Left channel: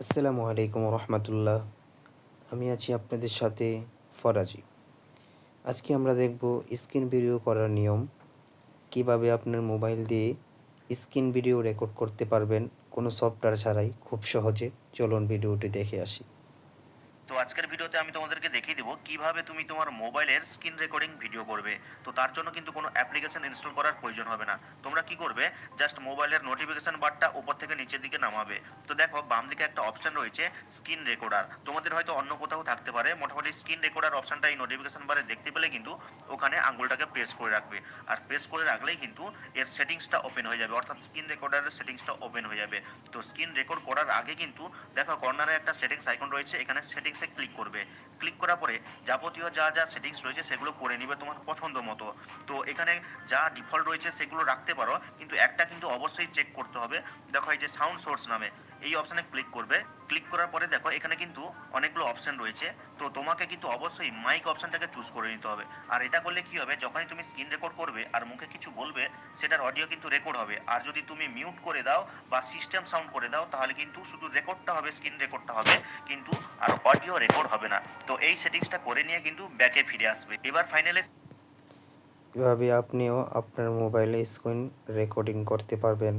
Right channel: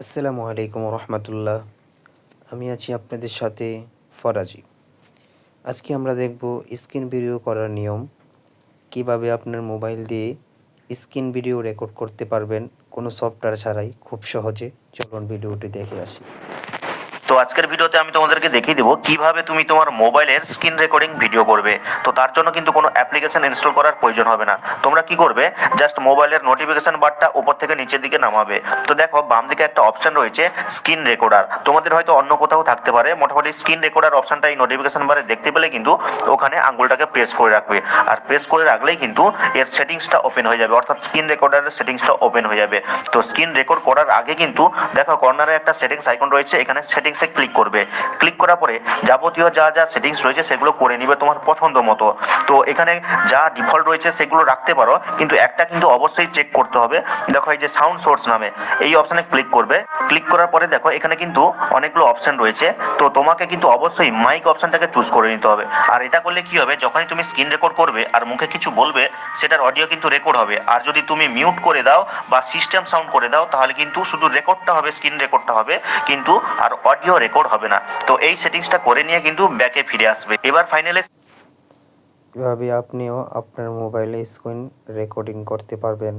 আসসালামু আলাইকুম রহমতুল্লাহ। আমি আছি আপনাদের সাথে ফরাজি। আজকে আমরা দেখব স্ক্রিন ভিডিও করার নিয়ম, কিভাবে আপনার মোবাইল দিয়ে স্ক্রিন ভিডিও রেকর্ড করতে পারবেন কোনো সফটওয়্যার ছাড়াই খুব সহজে। চলুন ভিডিওটি দেখে আসি। তো আজকের ভিডিওতে আমি তোমাদেরকে দেখিয়ে দেবো কিভাবে তুমি তোমার মোবাইলের স্ক্রিন রেকর্ডিং ভিডিও করবে। তো তার জন্য কিন্তু কোনো অ্যাপ্লিকেশন ইনস্টল করার প্রয়োজন হবে না। তোমরা কি করবে, জাস্ট মোবাইলের নোটিফিকেশন বারটা উপর থেকে নিচের দিকে নামাবে। তো দেখো বাম দিকে একটা অপশন রয়েছে স্ক্রিন রেকর্ডার, তোমাদের হয়তো অন্য কোথাও থাকতে পারে। মোটামুটি স্ক্রিন রেকর্ডার অপশনটা এই নোটিফিকেশন বারে দেখতে পেলে কিন্তু ওখানে আঙ্গুলটাকে প্রেস করে রাখবে, আর প্রেস করে রাখলেই কিন্তু এর সেটিংসটা ওপেন হয়ে যাবে, অর্থাৎ স্ক্রিন রেকর্ডারের সেটিংসটা ওপেন হয়ে যাবে। তো স্ক্রিন রেকর্ড করার আগে কিন্তু দেখো কর্নারে একটা সেটিংস আইকন রয়েছে, এখানে সেটিংসে ক্লিক করবে। ক্লিক করার পরে যাবতীয় যা যা সেটিংস রয়েছে সেগুলো করে নিবে তোমার পছন্দ মতো। তো এখানে যা ডিফল্ট রয়েছে সেগুলো রাখতে পারো, কিন্তু একটা কিন্তু অবশ্যই চেক করতে হবে। দেখো এই যে সাউন্ড সোর্স নামে এই অপশানে ক্লিক করবে। ক্লিক করার পরে দেখো এখানে কিন্তু অনেকগুলো অপশান রয়েছে, তো তোমাকে কিন্তু অবশ্যই মাইক অপশানটাকে চুজ করে নিতে হবে। আর এটা করলে কি হবে, যখনই তুমি স্ক্রিন রেকর্ড করবে আর মুখে কিছু বলবে সেটার অডিও কিন্তু রেকর্ড হবে। আর যদি তুমি মিউট করে দাও বা সিস্টেম সাউন্ড করে দাও তাহলে কিন্তু শুধু রেকর্ডটা হবে, স্ক্রিন রেকর্ডটা হবে, কিন্তু আর অডিও রেকর্ড হবে না। তো এই সেটিংসটা করে নিয়ে কিন্তু ব্যাকে ফিরে আসবে। এবার ফাইনালি এভাবে আপনিও আপনার মোবাইলে স্ক্রিন রেকর্ডিং করতে পারবেন